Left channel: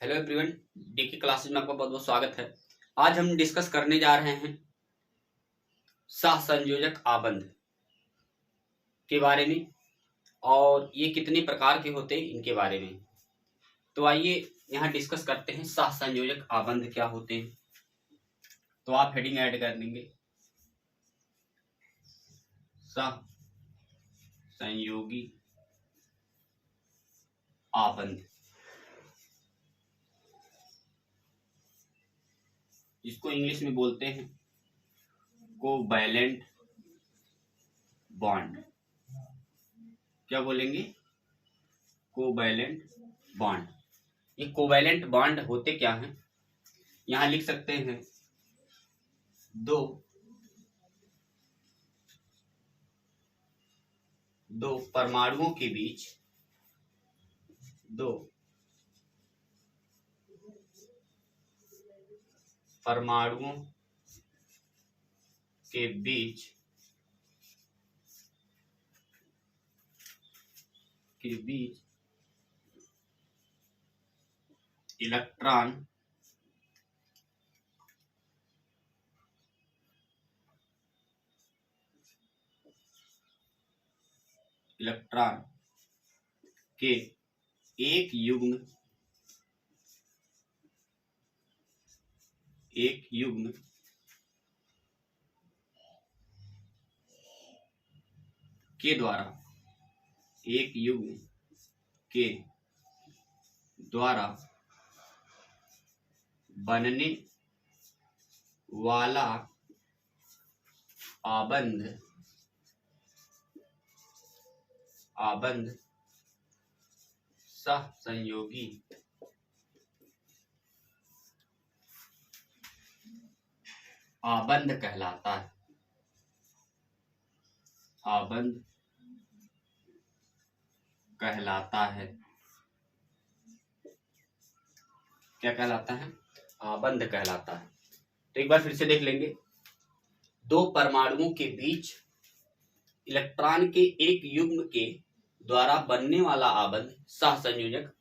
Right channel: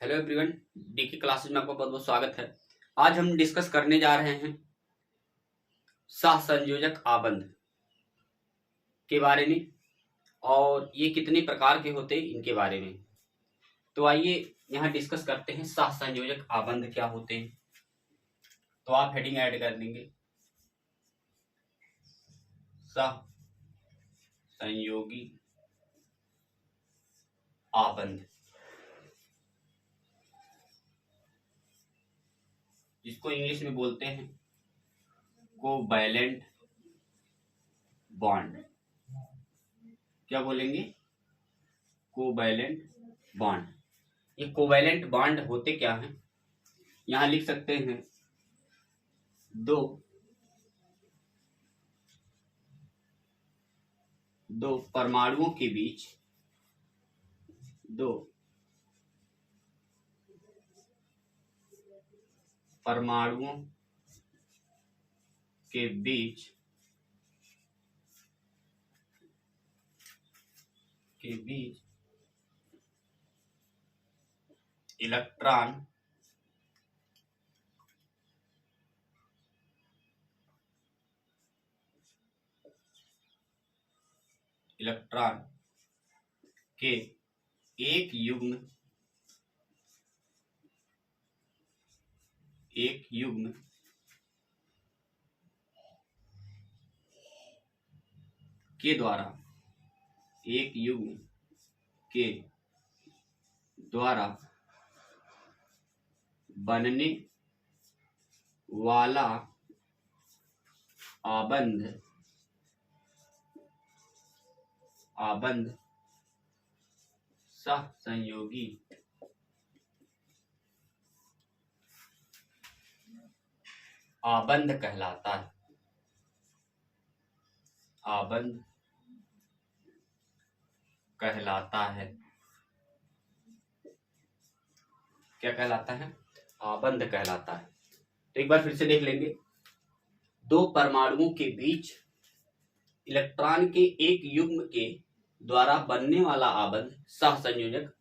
Hello everyone, DK classes में आपका बहुत बहुत स्वागत है। आज हम डिस्कस करने जा रहे हैं सहसंयोजक आबंध के बारे में और ये कितने प्रकार के होते हैं इनके बारे में। तो आइए यहाँ डिस्कस करते हैं सहसंयोजक आबंध क्या होते हैं। तो आप हेडिंग ऐड कर देंगे सहसंयोगी आबंध, जिसको इंग्लिश में बोलते हैं कोवैलेंट बॉन्ड। क्या बोलेंगे? Covalent bond. ये कोवैलेंट बॉन्ड होते क्या हैं? यहां लिख सकते हैं दो परमाणुओं के बीच दो परमाणुओं के बीच इलेक्ट्रॉन के एक युग्म के द्वारा बनने वाला आबंध सहसंयोगी आबंध कहलाता है। क्या कहलाता है? आबंध कहलाता है। तो एक बार फिर से देख लेंगे। दो परमाणुओं के बीच इलेक्ट्रॉन के एक युग्म के द्वारा बनने वाला आबंध सहसंयोजक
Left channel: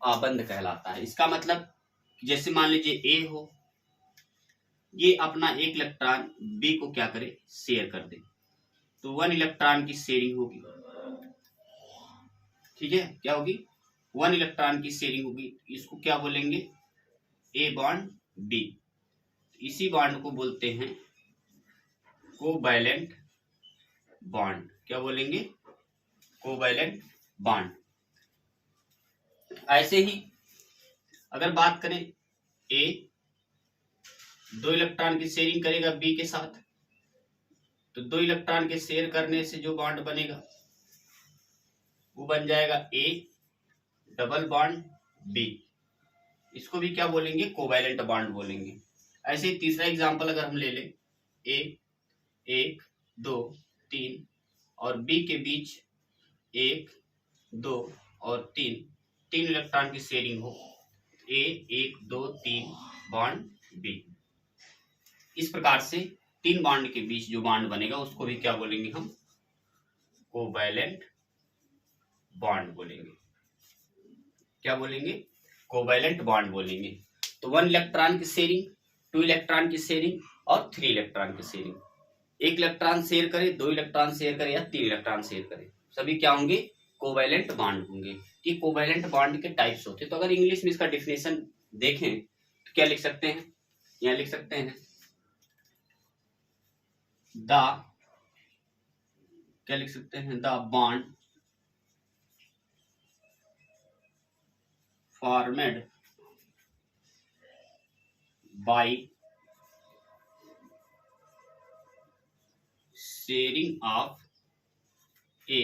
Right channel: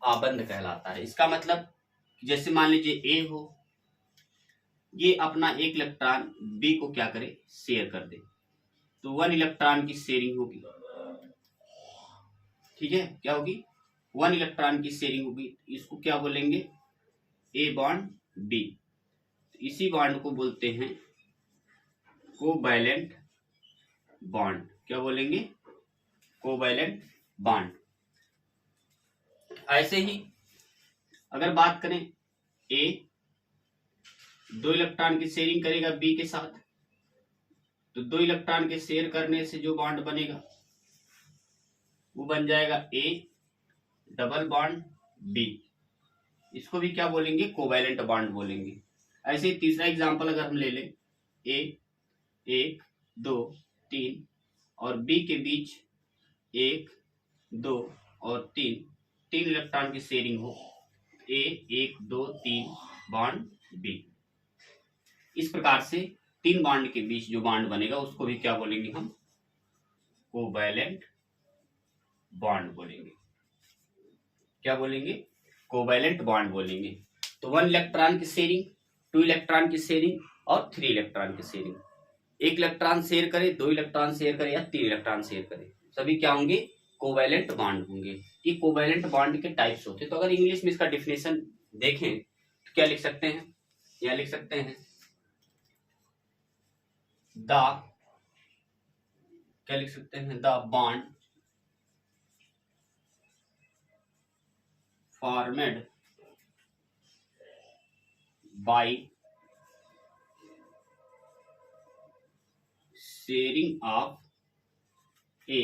आबंध कहलाता है। इसका मतलब जैसे मान लीजिए ए हो, ये अपना एक इलेक्ट्रॉन बी को क्या करे? शेयर कर दे, तो 1 इलेक्ट्रॉन की शेयरिंग होगी। ठीक है, क्या होगी? 1 इलेक्ट्रॉन की शेयरिंग होगी। इसको क्या बोलेंगे? A bond B. इसी बॉन्ड को बोलते हैं कोवैलेंट बॉन्ड। क्या बोलेंगे? Covalent bond. ऐसे ही अगर बात करें, ए 2 इलेक्ट्रॉन की शेयरिंग करेगा बी के साथ, तो 2 इलेक्ट्रॉन के शेयर करने से जो बॉन्ड बनेगा वो बन जाएगा ए डबल बॉन्ड बी। इसको भी क्या बोलेंगे? कोवैलेंट बॉन्ड बोलेंगे। ऐसे ही तीसरा एग्जांपल अगर हम ले लें, ए 1 2 3 और बी के बीच 1 2 और 3 इलेक्ट्रॉन की शेयरिंग हो, ए 1 2 3 बॉन्ड बी। इस प्रकार से 3 बॉन्ड के बीच जो बॉन्ड बनेगा उसको भी क्या बोलेंगे? हम कोवैलेंट बॉन्ड बोलेंगे। क्या बोलेंगे? कोवैलेंट बॉन्ड बोलेंगे। तो 1 इलेक्ट्रॉन की शेयरिंग, 2 इलेक्ट्रॉन की शेयरिंग और 3 इलेक्ट्रॉन की शेयरिंग। 1 इलेक्ट्रॉन शेयर करे, 2 इलेक्ट्रॉन शेयर करे या 3 इलेक्ट्रॉन शेयर करे, सभी क्या होंगे? कोवैलेंट बॉन्ड होंगे। ये कोवैलेंट बॉन्ड के टाइप्स होते हैं। तो अगर इंग्लिश में इसका डिफिनेशन देखें तो क्या लिख सकते हैं? यहाँ लिख सकते हैं the bond formed by sharing of a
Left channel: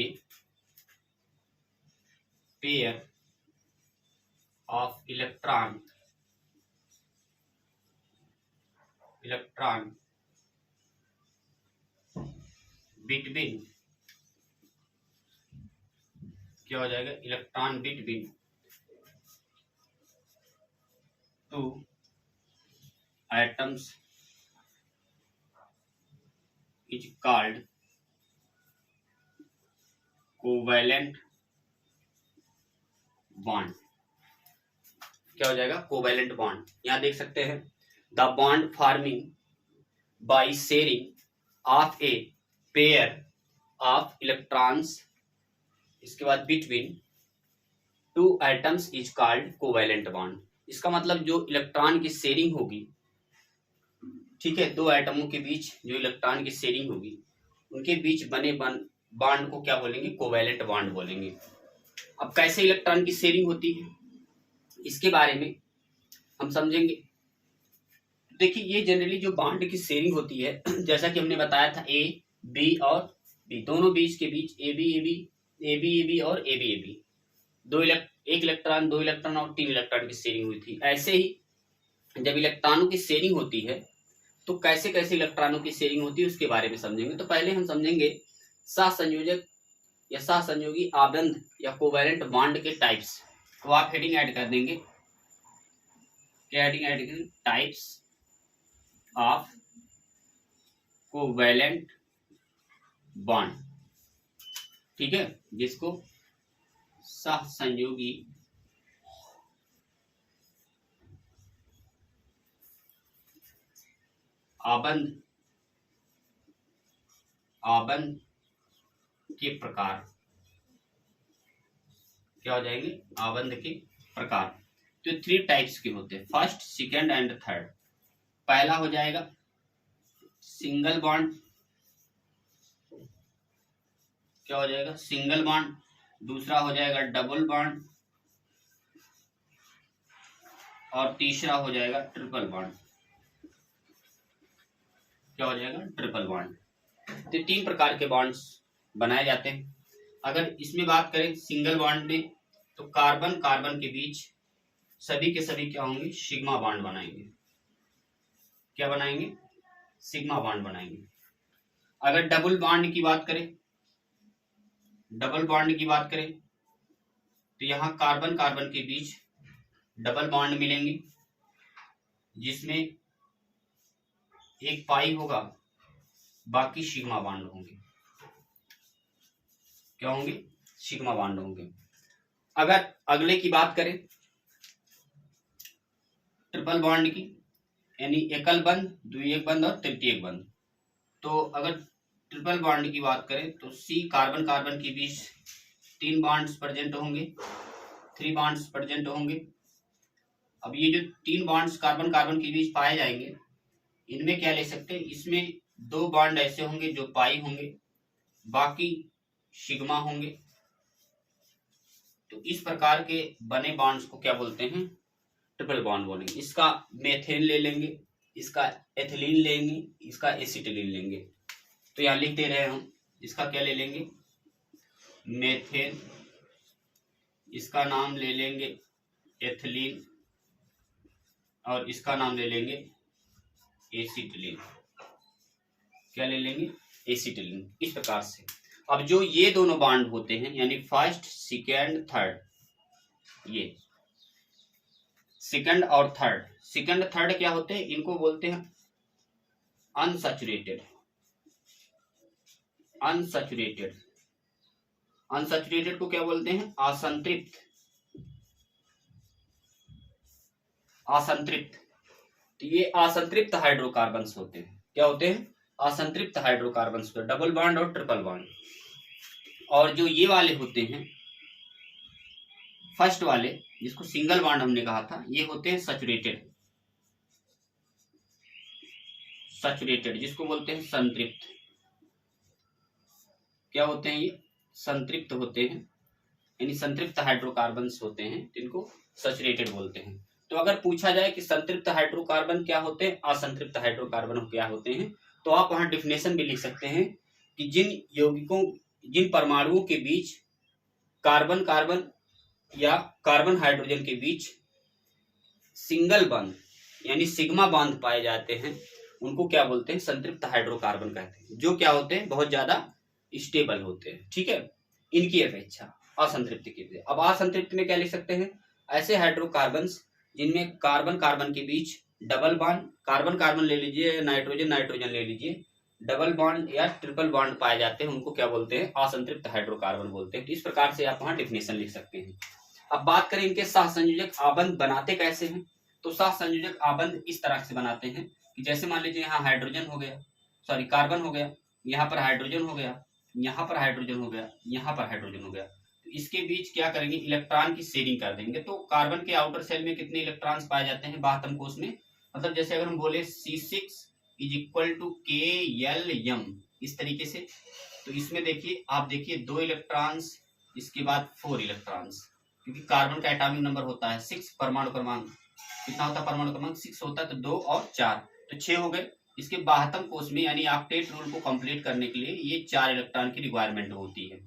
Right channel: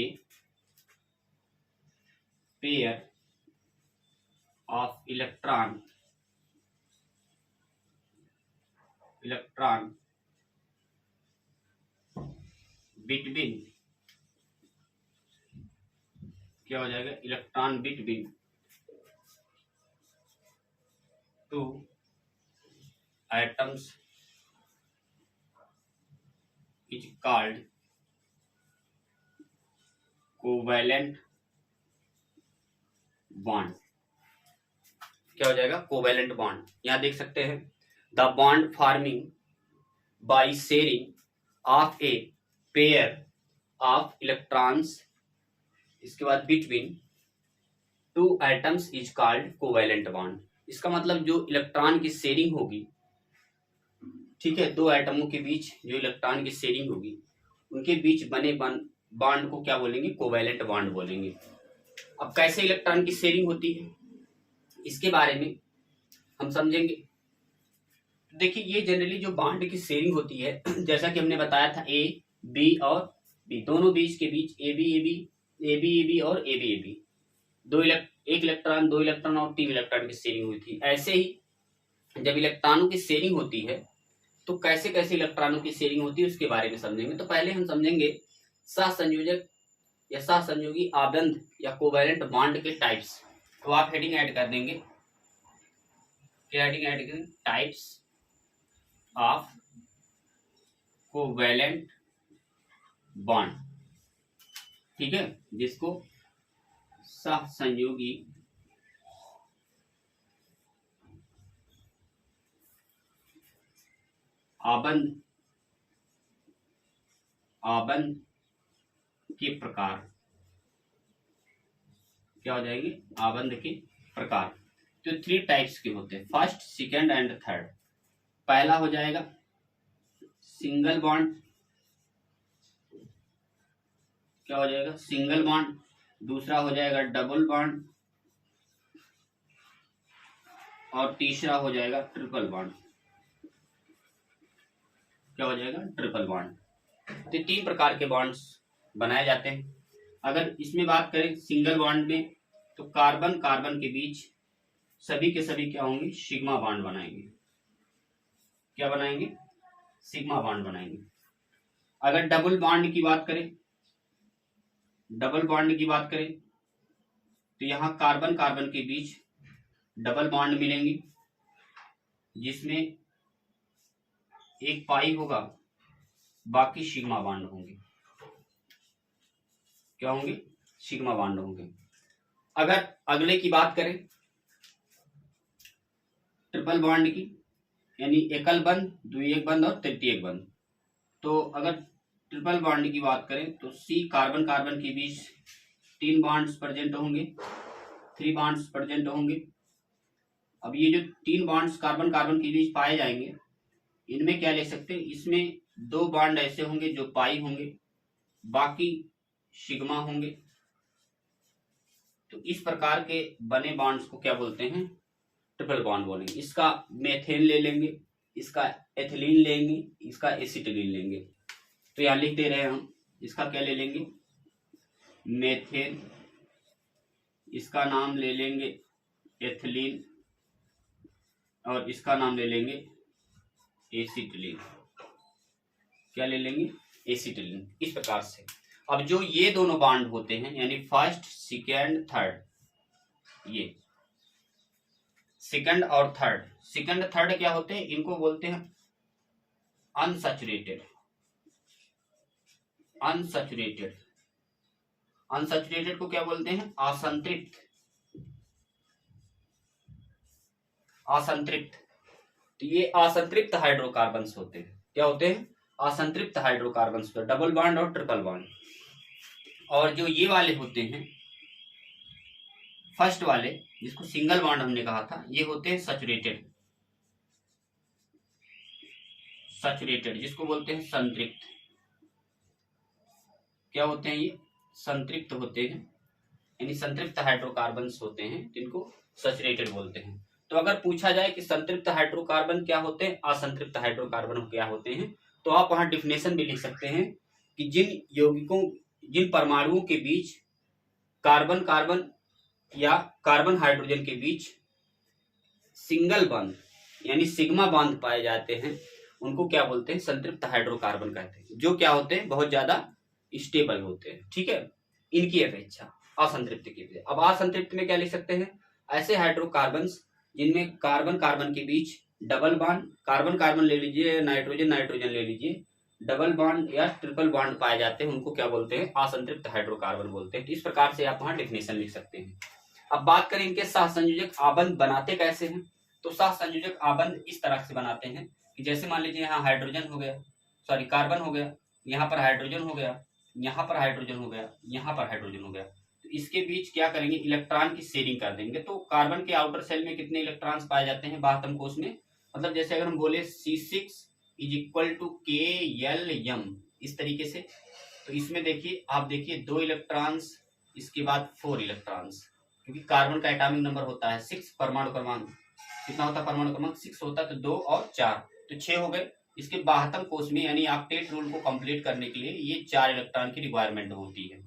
pair of electron between, क्या हो जाएगा? Electron between two atoms is called covalent bond. क्या हो जाएगा, कोवैलेंट बॉन्ड। यहाँ देख सकते हैं, the bond forming by sharing of a pair of electrons, इसके बाद between two atoms is called covalent bond. इसका मतलब जो इलेक्ट्रॉन की शेयरिंग होगी, ठीक है, दो एटमों के बीच जो इलेक्ट्रॉन की शेयरिंग होगी, उनके बीच बने बॉन्ड को क्या बोलेंगे, कोवैलेंट बॉन्ड बोलेंगे। अब कैसे इलेक्ट्रॉन की शेयरिंग होती है, इसके बारे में हम समझेंगे। देखिए, ये जनरली जो बॉन्ड की शेयरिंग होती है, जैसा कि हमने बताया था, ए बी और बी, दोनों बीच के बीच ए बी ए बी और ए बी, एक इलेक्ट्रॉन, दो इलेक्ट्रॉन और तीन इलेक्ट्रॉन की शेयरिंग हुई थी। ऐसे ही जब इलेक्ट्रॉनों की शेयरिंग होती है तो कैसे कैसे इलेक्ट्रॉनों की शेयरिंग होती है उसके बारे में समझेंगे। तो पहले हम समझेंगे सहसंयोजक या सहसंयोगी आबंध या कोवैलेंट बॉन्ड के टाइप्स। तो आप हेडिंग ऐड कर देंगे, क्या हेडिंग ऐड करेंगे, टाइप्स ऑफ कोवैलेंट बॉन्ड, ठीक है, जिसको सहसंयोगी आबंध के प्रकार, क्या हो जाएंगे, आबंध के प्रकार। तो 3 टाइप्स के होते हैं, फर्स्ट, सेकेंड एंड थर्ड। पहला हो जाएगा सिंगल बॉन्ड, क्या हो जाएगा, सिंगल बॉन्ड। दूसरा हो जाएगा डबल बॉन्ड और तीसरा हो जाएगा ट्रिपल बॉन्ड, क्या हो जाएगा, ट्रिपल बॉन्ड। तो 3 प्रकार के बॉन्ड्स बनाए जाते हैं। अगर इसमें बात करें सिंगल बॉन्ड में, तो कार्बन कार्बन के बीच सभी के सभी क्या होंगे, सिग्मा बॉन्ड बनाएंगे, क्या बनाएंगे, सिग्मा बॉन्ड बनाएंगे। अगर डबल बॉन्ड की बात करें, तो यहाँ कार्बन कार्बन के बीच डबल बॉन्ड मिलेंगे, जिसमें एक पाई होगा, बाकी सिग्मा बॉन्ड होंगे, क्या होंगे, सिग्मा बॉन्ड होंगे। अगर अगले की बात करें ट्रिपल बॉन्ड की, यानी एकल बंध, द्वितीयक बंध और तृतीयक बंध। तो अगर ट्रिपल बॉन्ड की बात करें तो सी कार्बन कार्बन के बीच 3 बॉन्ड्स प्रेजेंट होंगे, 3 बॉन्ड्स प्रेजेंट होंगे। अब ये जो 3 बॉन्ड्स कार्बन कार्बन के बीच पाए जाएंगे, इनमें क्या ले सकते हैं, इसमें 2 बॉन्ड ऐसे होंगे जो पाई होंगे, बाकी सिग्मा होंगे। तो इस प्रकार के बने बॉन्ड्स को क्या बोलते हैं, ट्रिपल बॉन्ड बोलेंगे। इसका मेथेन ले लेंगे, इसका एथिलीन लेंगे, इसका एसिटिलीन लेंगे। तो यहाँ लिख दे रहे हैं हम, इसका क्या ले लेंगे, मेथेन, इसका नाम ले लेंगे एथिलीन और इसका नाम ले लेंगे एसिटिलीन, क्या ले लेंगे, एसिटिलीन। इस प्रकार से अब जो ये दोनों बॉन्ड होते हैं, यानी फर्स्ट सेकेंड थर्ड, ये सेकंड और थर्ड, सेकंड थर्ड क्या होते हैं, इनको बोलते हैं अनसैचुरेटेड। अनसैचुरेटेड को क्या बोलते हैं, असंतृप्त। तो ये असंतृप्त हाइड्रोकार्बन्स होते हैं, क्या होते हैं, असंतृप्त हाइड्रोकार्बन्स पे डबल बॉन्ड और ट्रिपल बॉन्ड। और जो ये वाले होते हैं फर्स्ट वाले, जिसको सिंगल बॉन्ड हमने कहा था, ये होते हैं सैचुरेटेड, जिसको बोलते हैं संतृप्त। क्या होते हैं ये, संतृप्त होते हैं, यानी संतृप्त हाइड्रोकार्बन्स होते हैं, जिनको सैचुरेटेड बोलते हैं। तो अगर पूछा जाए कि संतृप्त हाइड्रोकार्बन क्या होते हैं, असंतृप्त हाइड्रोकार्बन क्या होते हैं, तो आप वहां डिफिनेशन भी लिख सकते हैं कि जिन परमाणुओं के बीच कार्बन कार्बन या कार्बन हाइड्रोजन के बीच सिंगल बॉन्ड यानी सिग्मा बॉन्ड पाए जाते हैं, उनको क्या बोलते हैं, संतृप्त हाइड्रोकार्बन कहते हैं, जो क्या होते हैं, बहुत ज्यादा स्टेबल होते हैं, ठीक है, इनकी अपेक्षा असंतृप्त की वजह। अब असंतृप्त में क्या लिख सकते हैं, ऐसे हाइड्रोकार्बन्स जिनमें कार्बन कार्बन के बीच डबल बॉन्ड, कार्बन कार्बन ले लीजिए, नाइट्रोजन नाइट्रोजन ले लीजिए, डबल बॉन्ड या ट्रिपल बॉन्ड पाए जाते हैं, उनको क्या बोलते हैं, असंतृप्त हाइड्रोकार्बन बोलते हैं। तो इस प्रकार से आप वहां डिफिनेशन लिख सकते हैं। अब बात करें इनके सहसंयोजक आबंध बनाते कैसे हैं, तो सहसंयोजक आबंध इस तरह से बनाते हैं कि जैसे मान लीजिए यहाँ हाइड्रोजन हो गया, सॉरी कार्बन हो गया, यहाँ पर हाइड्रोजन हो गया, यहाँ पर हाइड्रोजन हो गया, यहाँ पर हाइड्रोजन हो गया, तो इसके बीच क्या करेंगे, इलेक्ट्रॉन की शेयरिंग कर देंगे। तो कार्बन के आउटर सेल में कितने इलेक्ट्रॉन्स पाए जाते हैं, 72 कोष में, मतलब जैसे अगर हम बोले C6 is equal to KLM, इस तरीके से। तो इसमें देखिए, आप देखिए 2 इलेक्ट्रॉन्स, इसके बाद 4 इलेक्ट्रॉन्स, क्योंकि कार्बन का एटॉमिक नंबर होता है 6, परमाणु क्रमांक कितना होता है, परमाणु क्रमांक 6 होता है, तो 2 और 4 तो 6 हो गए। इसके 72 कोष में, यानी ऑक्टेट रूल को कंप्लीट करने के लिए ये 4 इलेक्ट्रॉन की रिक्वायरमेंट होती है।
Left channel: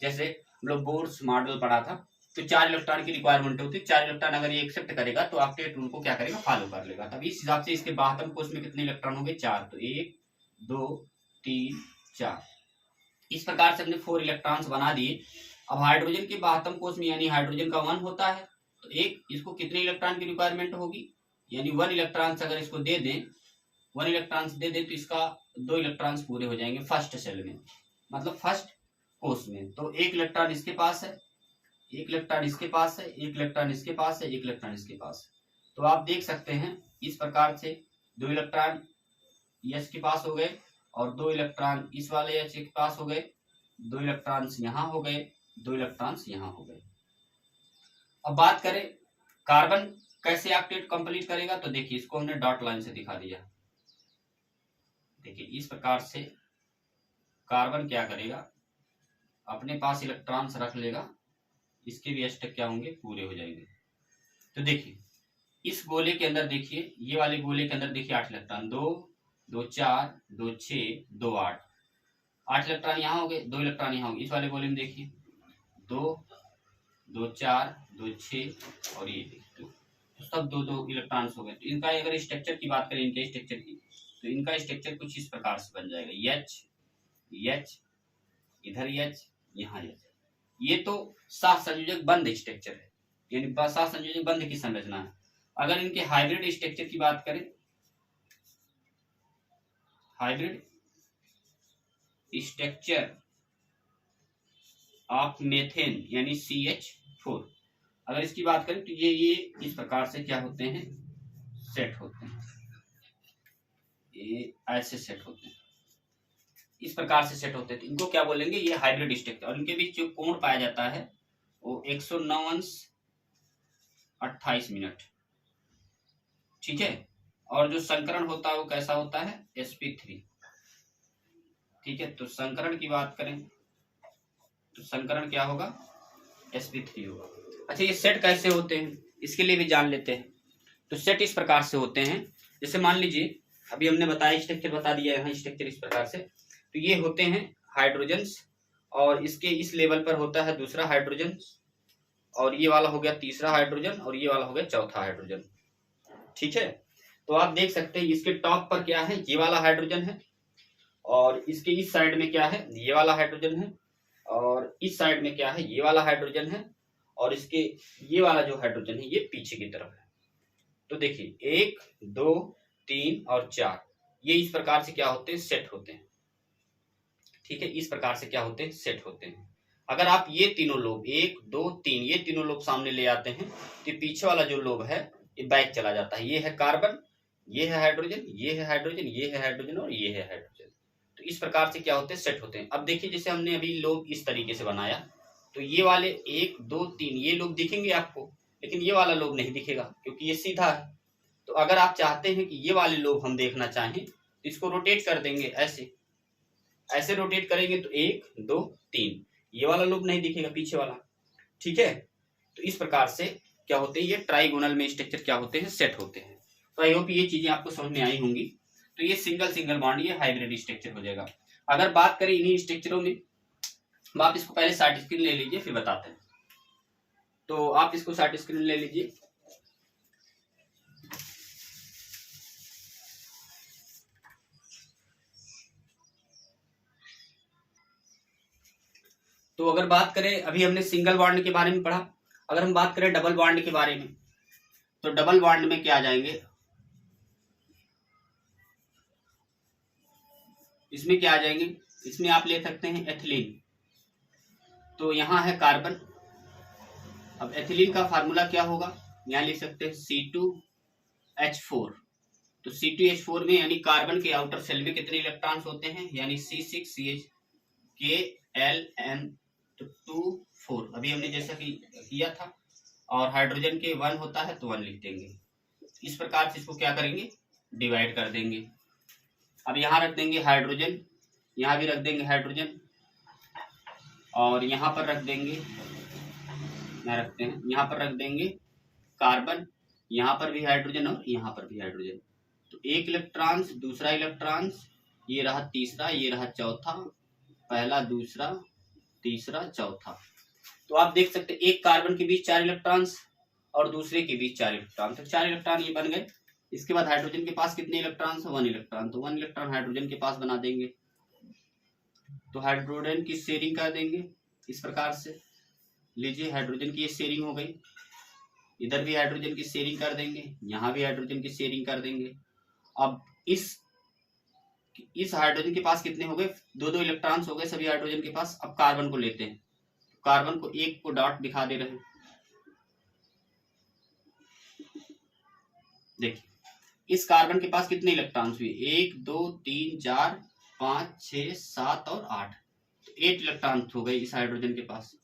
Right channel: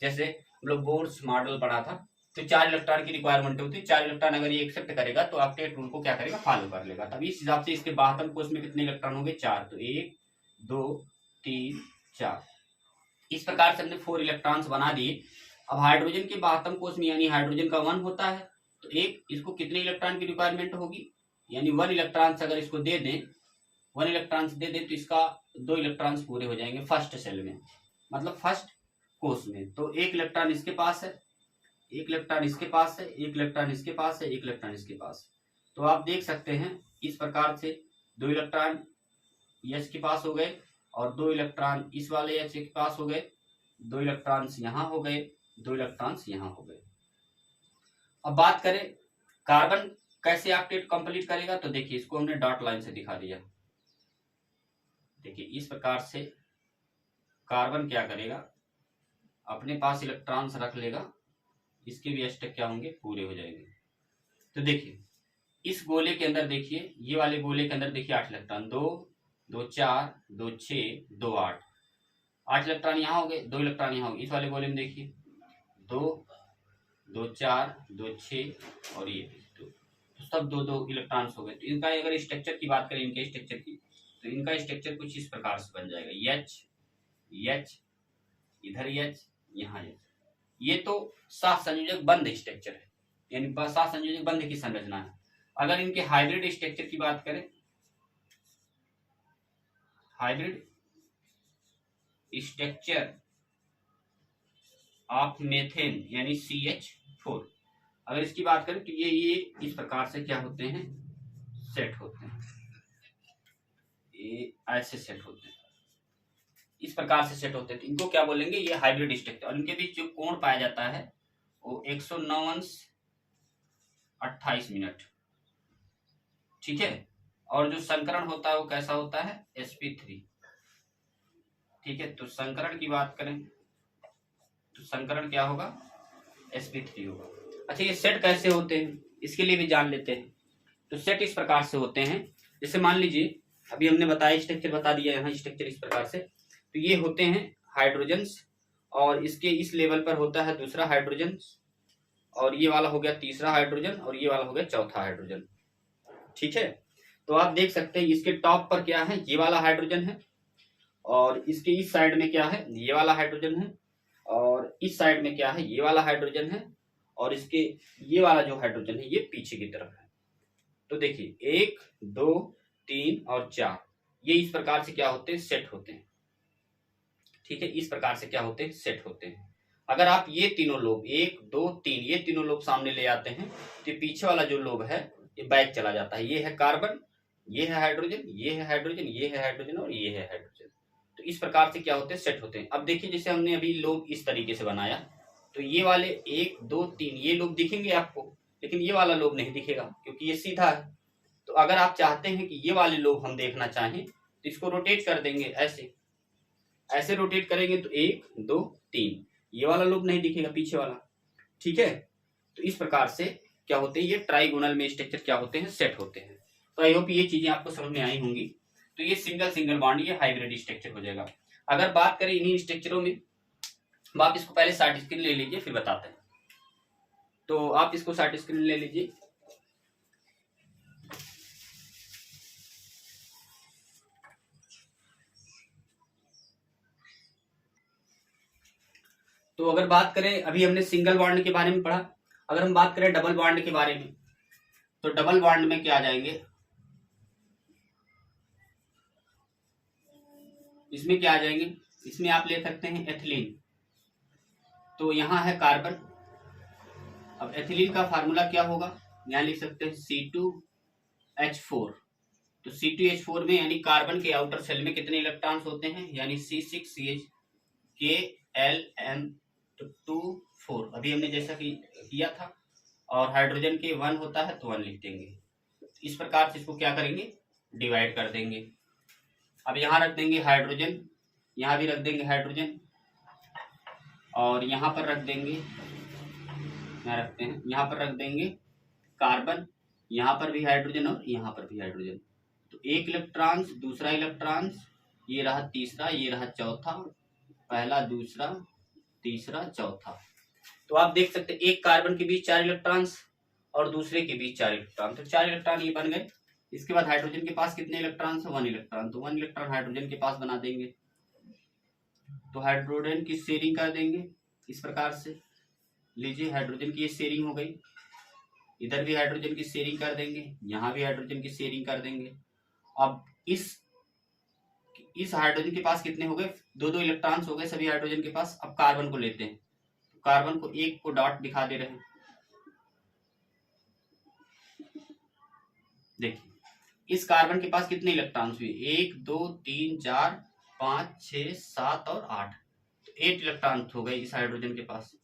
जैसे हम लोग बोर्स मॉडल पढ़ा था, तो 4 इलेक्ट्रॉन की रिक्वायरमेंट होती है। 4 इलेक्ट्रॉन अगर ये एक्सेप्ट करेगा तो ऑक्टेट रूल को क्या करेगा, फॉलो कर लेगा। तब इस हिसाब से इसके 72 कोष में कितने इलेक्ट्रॉन होंगे, 4, तो 1 2 3 4। इस प्रकार से हमने 4 इलेक्ट्रॉन्स बना दिए। अब हाइड्रोजन के 72 कोष में, यानी हाइड्रोजन का 1 होता है, तो एक इसको कितने इलेक्ट्रॉन की रिक्वायरमेंट होगी, यानी 1 इलेक्ट्रॉन्स अगर इसको दे दें, 1 इलेक्ट्रॉन्स दे दें, तो इसका 2 इलेक्ट्रॉन्स पूरे हो जाएंगे फर्स्ट सेल में, मतलब फर्स्ट कोष में। तो 1 इलेक्ट्रॉन इसके पास है, 1 इलेक्ट्रॉन इसके पास है, 1 इलेक्ट्रॉन इसके पास है, 1 इलेक्ट्रॉन इसके पास। तो आप देख सकते हैं इस प्रकार से 2 इलेक्ट्रॉन H के पास हो गए, और 2 इलेक्ट्रॉन इस वाले H के पास हो गए, 2 इलेक्ट्रॉन्स यहाँ हो गए, 2 इलेक्ट्रॉन्स यहाँ हो गए। अब बात करें कार्बन कैसे ऑक्टेट कंप्लीट करेगा, तो देखिए इसको हमने डॉट लाइन से दिखा दिया। देखिए इस प्रकार से कार्बन क्या करेगा, अपने पास इलेक्ट्रॉन्स रख लेगा, इसके भी अष्टक क्या होंगे, पूरे हो जाएंगे। तो देखिए इस गोले के अंदर, देखिए ये वाले गोले के अंदर देखिए 8 इलेक्ट्रॉन, 2 2 4 2 6 2 8, 8 इलेक्ट्रॉन यहाँ हो गए, 2 इलेक्ट्रॉन यहाँ हो गए। इस वाले गोले में देखिए 2 2 4 2 6 और ये देखिए तो सब 2 2 इलेक्ट्रॉन्स हो गए। तो इनका अगर स्ट्रक्चर की बात करें, इनके स्ट्रक्चर की, तो इनका स्ट्रक्चर कुछ इस प्रकार से बन जाएगा, H H इधर H यहाँ H। ये तो सहसंयोजक बंध स्ट्रक्चर है, यानी सहसंयोजक बंध की संरचना है। अगर इनके हाइब्रिड स्ट्रक्चर की बात करें, हाइब्रिड स्ट्रक्चर ऑफ मेथेन यानी CH4, अगर इसकी बात करें तो ये इस प्रकार से क्या होते हैं, सेट होते हैं, ये ऐसे सेट होते हैं, इस प्रकार से सेट होते हैं। तो इनको क्या बोलेंगे, ये हाइब्रिड स्ट्रक्चर। और इनके बीच जो कोण पाया जाता है वो 109:28, ठीक है। और जो संकरण होता है वो कैसा होता है, sp3, ठीक है। तो संकरण की बात करें तो संकरण क्या होगा, sp3 होगा। अच्छा, ये सेट कैसे होते हैं इसके लिए भी जान लेते हैं। तो सेट इस प्रकार से होते हैं, जैसे मान लीजिए अभी हमने बताया, स्ट्रक्चर बता दिया यहाँ, स्ट्रक्चर इस प्रकार से। तो ये होते हैं हाइड्रोजन्स, और इसके इस लेवल पर होता है दूसरा हाइड्रोजन, और ये वाला हो गया तीसरा हाइड्रोजन, और ये वाला हो गया चौथा हाइड्रोजन, ठीक है। तो आप देख सकते हैं इसके टॉप पर क्या है, ये वाला हाइड्रोजन है, और इसके इस साइड में क्या है, ये वाला हाइड्रोजन है, और इस साइड में क्या है, ये वाला हाइड्रोजन है, और इसके ये वाला जो हाइड्रोजन है ये पीछे की तरफ है। तो देखिए 1 2 3 और 4, ये इस प्रकार से क्या होते हैं, सेट होते हैं, ठीक है। इस प्रकार से क्या होते हैं, सेट होते हैं। अगर आप ये तीनों लोब 1 2 3 ये तीनों लोब सामने ले आते हैं, तो पीछे वाला जो लोब है ये बैक चला जाता है। ये है कार्बन, ये है हाइड्रोजन, ये है हाइड्रोजन, ये है हाइड्रोजन, और ये है हाइड्रोजन। तो इस प्रकार से क्या होते हैं, सेट होते हैं। अब देखिए जैसे हमने अभी लोब इस तरीके से बनाया, तो ये वाले 1 2 3 ये लोब दिखेंगे आपको, लेकिन ये वाला लोब नहीं दिखेगा क्योंकि ये सीधा है। तो अगर आप चाहते हैं कि ये वाले लोब हम देखना चाहें, तो इसको रोटेट कर देंगे, ऐसे ऐसे रोटेट करेंगे, तो 1 2 3 ये वाला लोब नहीं दिखेगा, पीछे वाला, ठीक है। तो इस प्रकार से क्या होते हैं, ये ट्राइगोनल में स्ट्रक्चर क्या होते हैं, सेट होते हैं। तो आई होप ये चीजें आपको समझ में आई होंगी। तो ये सिंगल सिंगल बॉन्ड, ये हाइब्रिड स्ट्रक्चर हो जाएगा। अगर बात करें इन्हीं स्ट्रक्चरों में, आप इसको पहले शॉर्ट स्क्रीन ले लीजिए फिर बताते हैं। तो आप इसको शॉर्ट स्क्रीन ले लीजिए। तो अगर बात करें, अभी हमने सिंगल बॉन्ड के बारे में पढ़ा, अगर हम बात करें डबल बॉन्ड के बारे में, तो डबल बॉन्ड में क्या आ जाएंगे, इसमें क्या आ जाएंगे, इसमें आप ले सकते हैं एथिलीन। तो यहाँ है कार्बन, अब एथिलीन का फार्मूला क्या होगा, यहाँ लिख सकते हैं C2H4। तो C2H4 में यानी कार्बन के आउटर सेल में कितने इलेक्ट्रॉन्स होते हैं, यानी C6CH2 4। अभी हमने जैसा कि किया था, और हाइड्रोजन के 1 होता है तो 1 लिख देंगे। इस प्रकार से इसको क्या करेंगे, डिवाइड कर देंगे। अब यहाँ रख देंगे हाइड्रोजन, यहाँ भी रख देंगे हाइड्रोजन, और यहाँ पर रख देंगे, यहाँ रखते हैं, यहाँ पर रख देंगे कार्बन, यहाँ पर भी हाइड्रोजन और यहाँ पर भी हाइड्रोजन। तो एक इलेक्ट्रॉन्स, दूसरा इलेक्ट्रॉन्स, ये रहा तीसरा, ये रहा चौथा, पहला, दूसरा, तीसरा, चौथा। तो आप देख सकते हैं एक कार्बन के बीच 4 इलेक्ट्रॉन्स और दूसरे के बीच 4 इलेक्ट्रॉन, तो 4 इलेक्ट्रॉन ये बन गए। इसके बाद हाइड्रोजन के पास कितने इलेक्ट्रॉन है, 1 इलेक्ट्रॉन, तो 1 इलेक्ट्रॉन हाइड्रोजन के पास बना देंगे। तो हाइड्रोजन की शेयरिंग कर देंगे इस प्रकार से। लीजिए हाइड्रोजन की ये शेयरिंग हो गई, इधर भी हाइड्रोजन की शेयरिंग कर देंगे, यहाँ भी हाइड्रोजन की शेयरिंग कर देंगे। अब इस हाइड्रोजन के पास कितने हो गए, 2 इलेक्ट्रॉन्स हो गए सभी हाइड्रोजन के पास। अब कार्बन को लेते हैं, कार्बन को एक को डॉट दिखा दे रहे हैं, देखिए इस कार्बन के पास कितने इलेक्ट्रॉन्स हुए, 1 2 3 4 5 6 7 और 8, तो 8 इलेक्ट्रॉन हो गए इस हाइड्रोजन के पास,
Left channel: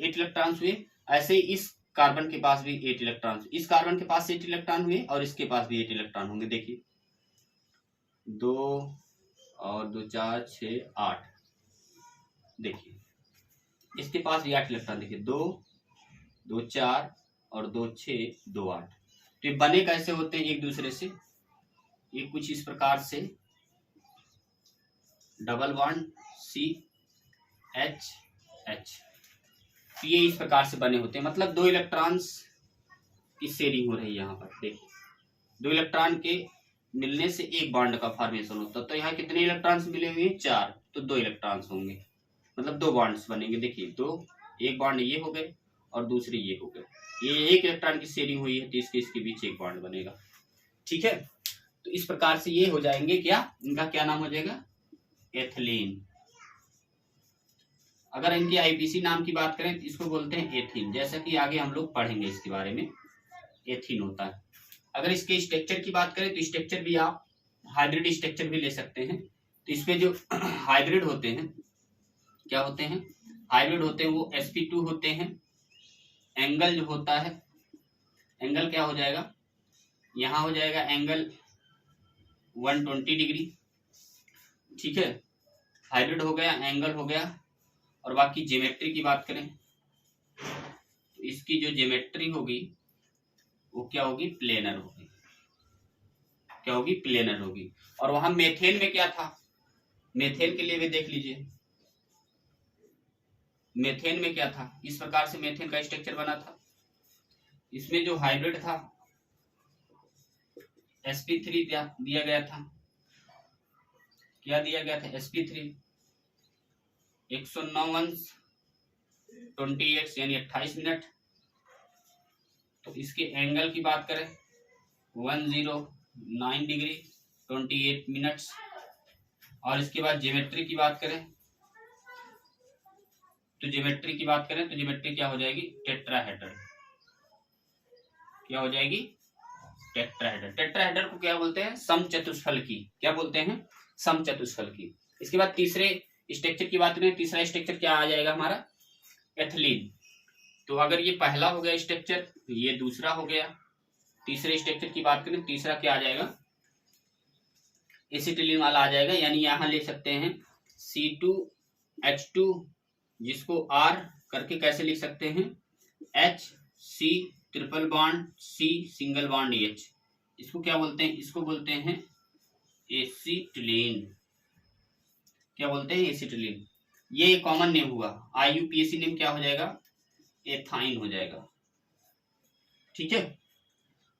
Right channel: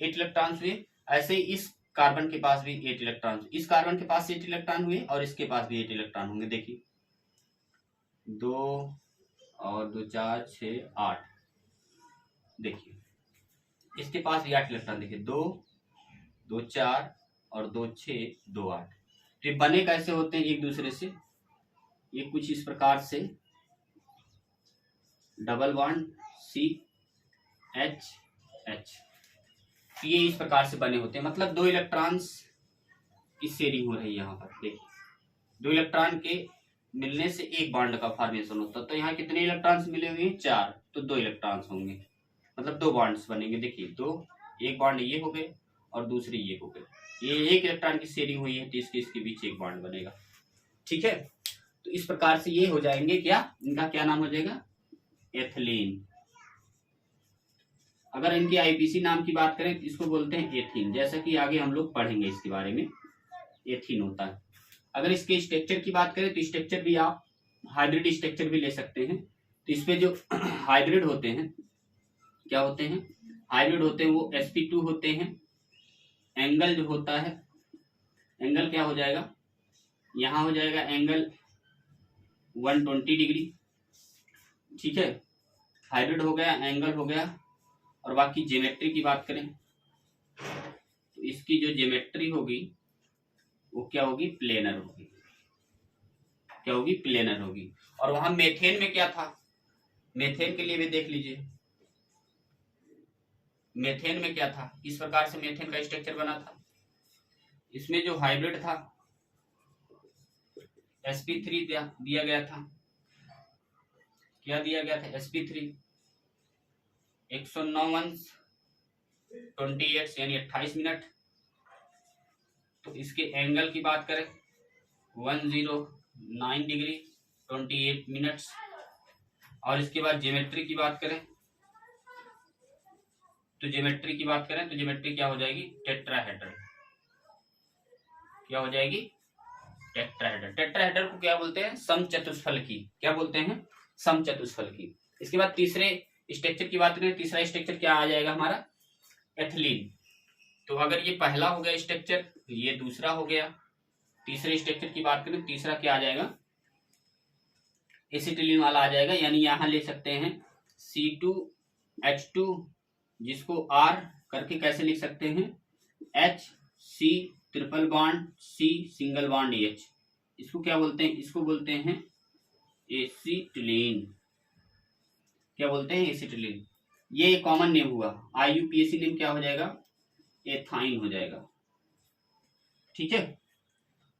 8 इलेक्ट्रॉन्स हुए। ऐसे ही इस कार्बन के पास भी 8 इलेक्ट्रॉन, इस कार्बन के पास 8 इलेक्ट्रॉन हुए और इसके पास भी 8 इलेक्ट्रॉन होंगे। देखिए 2 और 2 4 6 8, देखिए इसके पास भी 8 इलेक्ट्रॉन, देखिए 2 2 4 और 2 6 2 8। तो ये बने कैसे होते हैं एक दूसरे से, ये कुछ इस प्रकार से डबल बॉन्ड CH, ये इस प्रकार से बने होते हैं, मतलब 2 इलेक्ट्रॉन्स की शेयरिंग हो रही है यहाँ पर। देखिए 2 इलेक्ट्रॉन के मिलने से एक बॉन्ड का फॉर्मेशन होता है, तो यहाँ कितने इलेक्ट्रॉन्स मिले हुए हैं, 4, तो 2 इलेक्ट्रॉन्स होंगे, मतलब 2 बॉन्ड्स बनेंगे। देखिए 2, एक बॉन्ड ये हो गए और दूसरे ये हो गए, ये 1 इलेक्ट्रॉन की शेयरिंग हुई है तो इसके बीच एक बॉन्ड बनेगा। ठीक है, तो इस प्रकार से ये हो जाएंगे क्या, इनका क्या नाम हो जाएगा, एथिलीन। अगर इनकी आईपीसी नाम की बात करें तो इसको बोलते हैं एथीन, जैसा कि आगे हम लोग पढ़ेंगे इसके बारे में, एथीन होता है। अगर इसके स्ट्रक्चर की बात करें तो स्ट्रक्चर भी आप हाइब्रिड स्ट्रक्चर भी ले सकते हैं। तो इसपे जो हाइब्रिड होते हैं, क्या होते हैं, हाइब्रिड होते हैं वो sp2 होते हैं। एंगल जो होता है, एंगल क्या हो जाएगा, यहाँ हो जाएगा एंगल 120 डिग्री। ठीक है, हाइब्रिड हो गया, एंगल हो गया। और बाकी ज्योमेट्री की बात करें तो इसकी जो ज्योमेट्री होगी वो क्या होगी, प्लेनर होगी, क्या होगी, प्लेनर होगी। और वहां मेथेन में क्या था, मेथेन के लिए भी देख लीजिए, मेथेन में क्या था, इस प्रकार से मेथेन का स्ट्रक्चर बना था। इसमें जो हाइब्रिड था sp3 दिया गया था, क्या दिया गया था, sp3 109 यानी 28 मिनट। तो इसके एंगल की बात करें 109 डिग्री 28 मिनट्स। और इसके बाद ज्योमेट्री की बात करें तो ज्योमेट्री क्या हो जाएगी, टेट्राहेड्रल, क्या हो जाएगी, टेट्राहेड्रल। टेट्राहेड्रल को क्या बोलते हैं, समचतुष्फल की, क्या बोलते हैं, समचतुष्फल की। इसके बाद तीसरे स्ट्रक्चर की बात करें, तीसरा स्ट्रक्चर क्या आ जाएगा हमारा, एथिलीन। तो अगर ये पहला हो गया स्ट्रक्चर, ये दूसरा हो गया। तीसरे स्ट्रक्चर की बात करें, तीसरा क्या आ जाएगा, एसिटिलीन वाला आ जाएगा। यानी यहां ले सकते हैं C2H2, जिसको R करके कैसे लिख सकते हैं, HC triple bond C single bond H, इसको क्या बोलते हैं, इसको बोलते हैं एसिटिलीन, क्या बोलते हैं, एसिटिलीन। ये कॉमन नेम हुआ, IUPAC नेम क्या हो जाएगा, एथाइन हो जाएगा। ठीक है,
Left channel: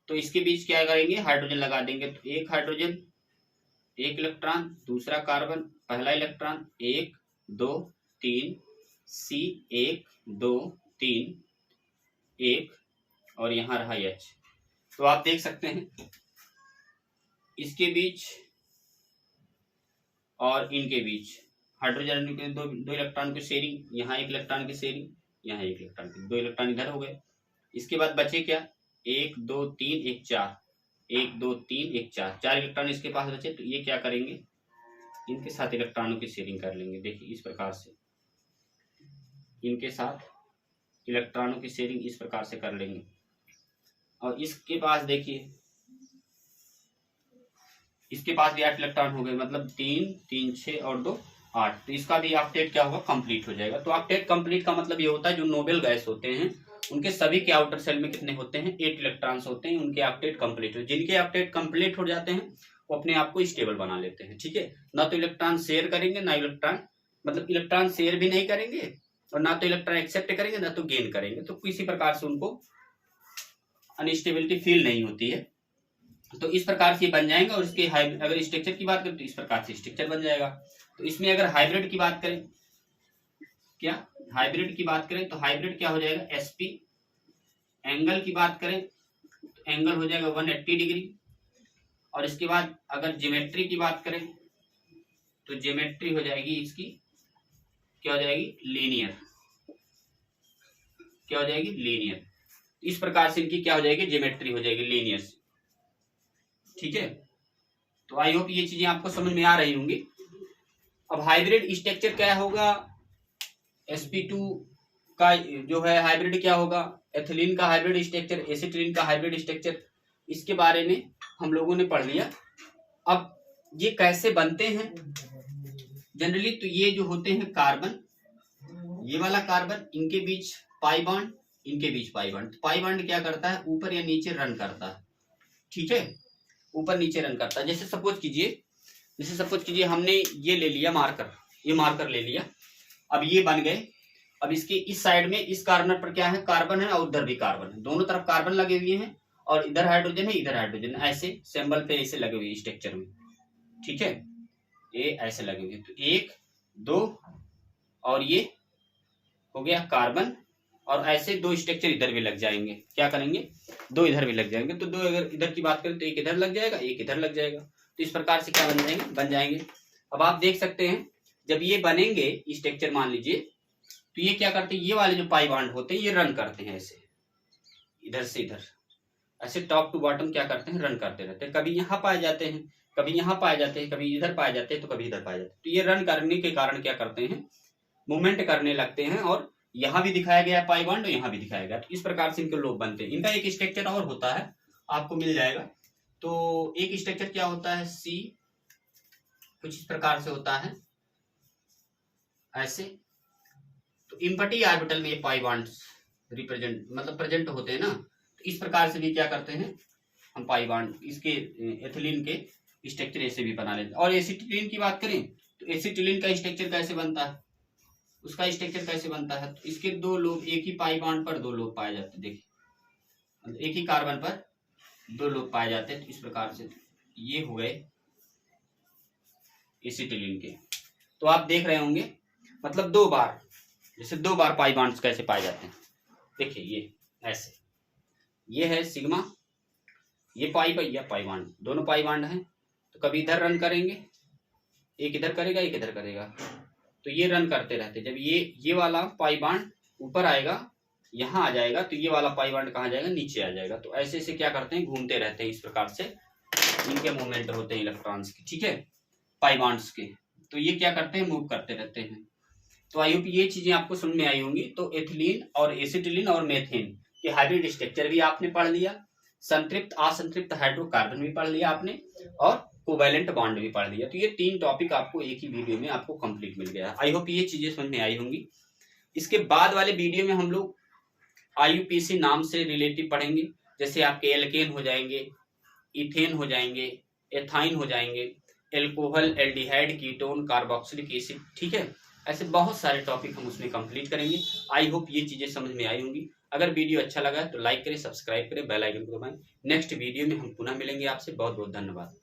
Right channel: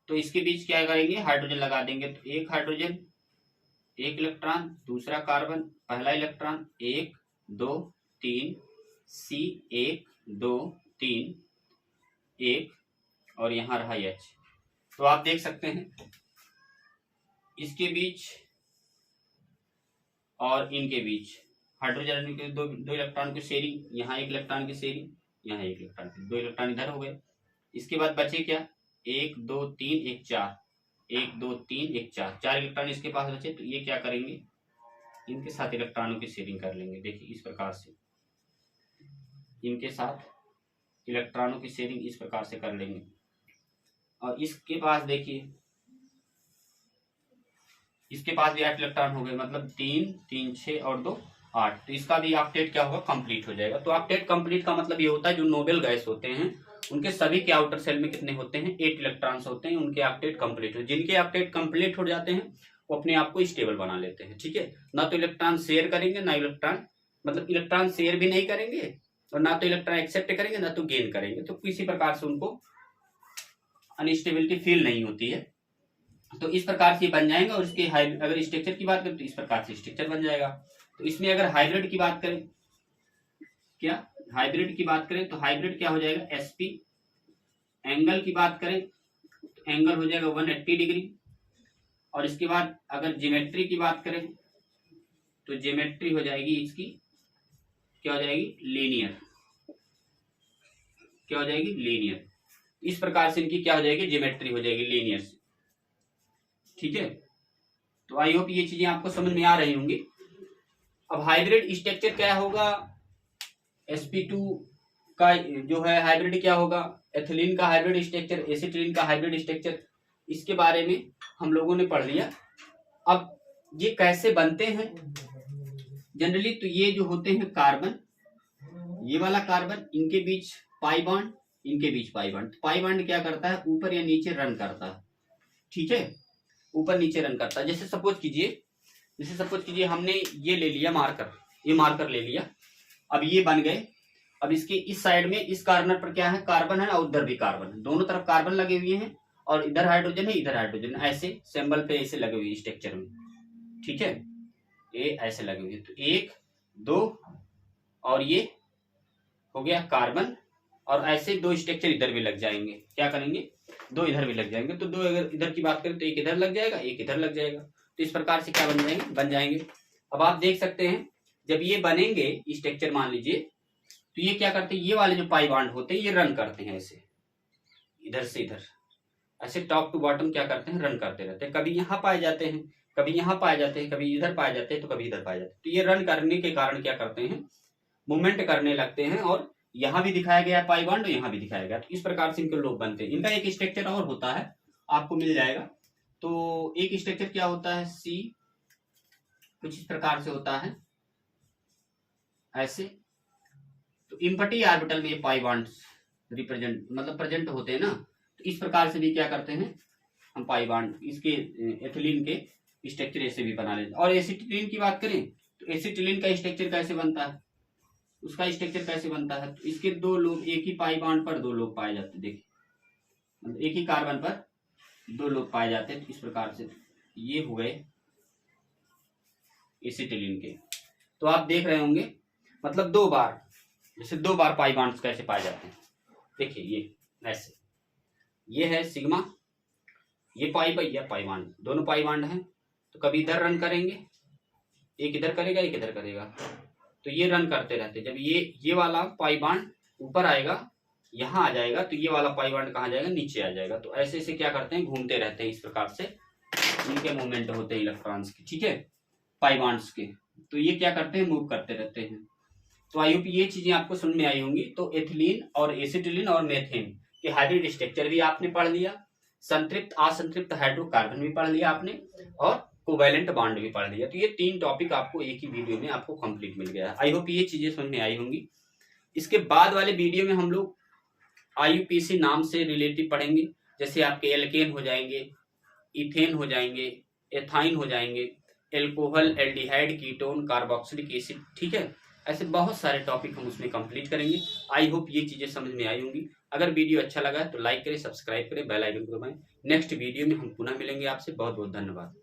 तो इसके बीच क्या करेंगे, हाइड्रोजन लगा देंगे। तो एक हाइड्रोजन, एक इलेक्ट्रॉन, दूसरा कार्बन, पहला इलेक्ट्रॉन, 1 2 3 C 1 2 3 1, और यहाँ रहा H। तो आप देख सकते हैं इसके बीच और इनके बीच हाइड्रोजन के दो इलेक्ट्रॉन की शेयरिंग, यहाँ 1 इलेक्ट्रॉन की शेयरिंग, यहाँ 1 इलेक्ट्रॉन, 2 इलेक्ट्रॉन इधर हो गए। इसके बाद बचे क्या, 1 2 3 1 4, 1 2 3 1 4, 4 इलेक्ट्रॉन इसके पास बचे। तो ये क्या करेंगे, इनके साथ इलेक्ट्रॉनों की शेयरिंग कर लेंगे। देखिए इस प्रकार से इनके साथ इलेक्ट्रॉनों की शेयरिंग इस प्रकार से कर लेंगे। और इसके पास देखिए, इसके पास भी 8 इलेक्ट्रॉन हो गए, मतलब 3 3 6 और 2 8। तो इसका भी ऑक्टेट क्या होगा, कंप्लीट हो जाएगा। तो ऑक्टेट कंप्लीट का मतलब ये होता है जो नोबेल गैस होते हैं उनके सभी के आउटर सेल में कितने होते हैं, 8 इलेक्ट्रॉन्स होते हैं, उनके ऑक्टेट कंप्लीट हो। जिनके ऑक्टेट कंप्लीट हो जाते हैं वो अपने आप को स्टेबल बना लेते हैं। ठीक है, ना तो इलेक्ट्रॉन शेयर करेंगे, ना इलेक्ट्रॉन मतलब इलेक्ट्रॉन शेयर भी नहीं करेंगे, और ना तो इलेक्ट्रॉन एक्सेप्ट करेंगे, ना तो गेन करेंगे। तो किसी प्रकार से उनको अनस्टेबिलिटी फील नहीं होती है। तो इस प्रकार से बन जाएंगे। और इसके अगर स्ट्रक्चर की बात करें तो इस प्रकार से स्ट्रक्चर बन जाएगा। तो इसमें अगर हाइब्रिड की बात करें, क्या हाइब्रिड की बात करें तो हाइब्रिड क्या हो जाएगा, sp। एंगल की बात करें तो एंगल हो जाएगा 180 डिग्री। और इसके बाद अगर ज्योमेट्री की बात करें तो ज्योमेट्री हो जाएगी इसकी, क्या हो जाएगी, लीनियर। क्या हो जाएगी, लीनियर। इस प्रकार से इनकी क्या हो जाएगी, ज्योमेट्री हो जाएगी लीनियर से। ठीक है, तो आई होप ये चीजें आपको समझ में आ रही होंगी। अब हाइब्रिड स्ट्रक्चर क्या होगा, sp2 का जो है हाइब्रिड क्या होगा, एथिलीन का हाइब्रिड स्ट्रक्चर, एसिटिलीन का हाइब्रिड स्ट्रक्चर, इसके बारे में हम लोगों ने पढ़ लिया। अब ये कैसे बनते हैं जनरली, तो ये जो होते हैं कार्बन, ये वाला कार्बन, इनके बीच पाई बॉन्ड, इनके बीच पाई बॉन्ड। पाई बॉन्ड क्या करता है, ऊपर या नीचे रन करता है। ठीक है, ऊपर नीचे रन करता है। जैसे सपोज कीजिए हमने ये ले लिया मार्कर, ये मार्कर ले लिया। अब ये बन गए। अब इसके इस साइड में इस कॉर्नर पर क्या है, कार्बन है, और उधर भी कार्बन है, दोनों तरफ कार्बन लगे हुए हैं, और इधर हाइड्रोजन है, इधर हाइड्रोजन, ऐसे सिंबल पे ऐसे लगे हुए स्ट्रक्चर में। ठीक है, ये ऐसे लगे हुए। तो 1 2 और ये हो गया कार्बन, और ऐसे 2 स्ट्रक्चर इधर भी लग जाएंगे। क्या करेंगे, 2 इधर भी लग जाएंगे। तो 2 अगर इधर की बात करें तो 1 इधर लग जाएगा, 1 इधर लग जाएगा। तो इस प्रकार से क्या बन जाएंगे। अब आप देख सकते हैं जब ये बनेंगे स्ट्रक्चर, मान लीजिए, तो ये क्या करते हैं, ये वाले जो पाई बॉन्ड होते हैं ये रन करते हैं ऐसे, इधर से इधर, ऐसे टॉप टू बॉटम क्या करते हैं, रन करते रहते हैं। कभी यहाँ पाए जाते हैं, कभी यहाँ पाए जाते हैं, कभी इधर पाए जाते हैं, तो कभी इधर पाए जाते हैं। तो ये रन करने के कारण क्या करते हैं, मूवमेंट करने लगते हैं। और यहाँ भी दिखाया गया है पाई बॉन्ड, यहाँ भी दिखाया गया। तो इस प्रकार से इनके लोग बनते हैं। इनका एक स्ट्रक्चर और होता है, आपको मिल जाएगा। तो एक स्ट्रक्चर क्या होता है, सी, कुछ इस प्रकार से होता है ऐसे। तो इम्पटी ऑर्बिटल में ये पाई बॉन्ड्स रिप्रेजेंट मतलब प्रेजेंट होते हैं ना। तो इस प्रकार से भी क्या करते हैं हम, पाई बॉन्ड इसके एथिलीन के स्ट्रक्चर ऐसे भी बना लेते हैं। और एसिटिलीन की बात करें तो एसिटिलीन का स्ट्रक्चर कैसे बनता है, उसका स्ट्रक्चर कैसे बनता है, तो इसके 2 लोग, एक ही पाई बॉन्ड पर 2 लोग पाए जाते हैं। देखिए, मतलब एक ही कार्बन पर 2 लोग पाए जाते हैं। तो इस प्रकार से ये हो गए एसिटिलीन के। तो आप देख रहे होंगे, मतलब 2 बार, जैसे 2 बार पाई बॉन्ड्स कैसे पाए जाते हैं। देखिए ये ऐसे, ये है सिग्मा, ये पाई बॉन्ड, दोनों पाई बॉन्ड हैं। तो कभी इधर रन करेंगे, एक इधर करेगा, एक इधर करेगा, तो ये रन करते रहते। जब ये वाला पाई बॉन्ड ऊपर आएगा, यहाँ आ जाएगा, तो ये वाला पाई बॉन्ड कहाँ जाएगा, नीचे आ जाएगा। तो ऐसे ऐसे क्या करते हैं, घूमते रहते हैं। इस प्रकार से इनके मूवमेंट होते हैं इलेक्ट्रॉन्स के। ठीक है, पाई बॉन्ड्स के। तो ये क्या करते हैं, मूव करते रहते हैं। तो आई होप ये चीजें आपको समझ में आई होंगी। तो एथिलीन और एसिटिलीन और मेथेन के हाइब्रिड स्ट्रक्चर भी आपने पढ़ लिया, संतृप्त असंतृप्त हाइड्रोकार्बन भी पढ़ लिया आपने, और कोवैलेंट बॉन्ड भी पढ़ लिया। तो ये 3 टॉपिक आपको एक ही वीडियो में आपको कंप्लीट मिल गया। आई होप ये चीजें समझ में आई होंगी। इसके बाद वाले वीडियो में हम लोग IUPAC नाम से रिलेटिव पढ़ेंगे। जैसे आपके एल्केन हो जाएंगे, इथेन हो जाएंगे, एथाइन हो जाएंगे, alcohol, aldehyde, ketone, carboxylic acid. ठीक है, ऐसे बहुत सारे टॉपिक हम उसमें कंप्लीट करेंगे। आई होप ये चीजें समझ में आई होंगी। अगर वीडियो अच्छा लगा तो लाइक करें, सब्सक्राइब करें, बेल आइकन को दबाएं। नेक्स्ट वीडियो में हम पुनः मिलेंगे आपसे। बहुत बहुत धन्यवाद।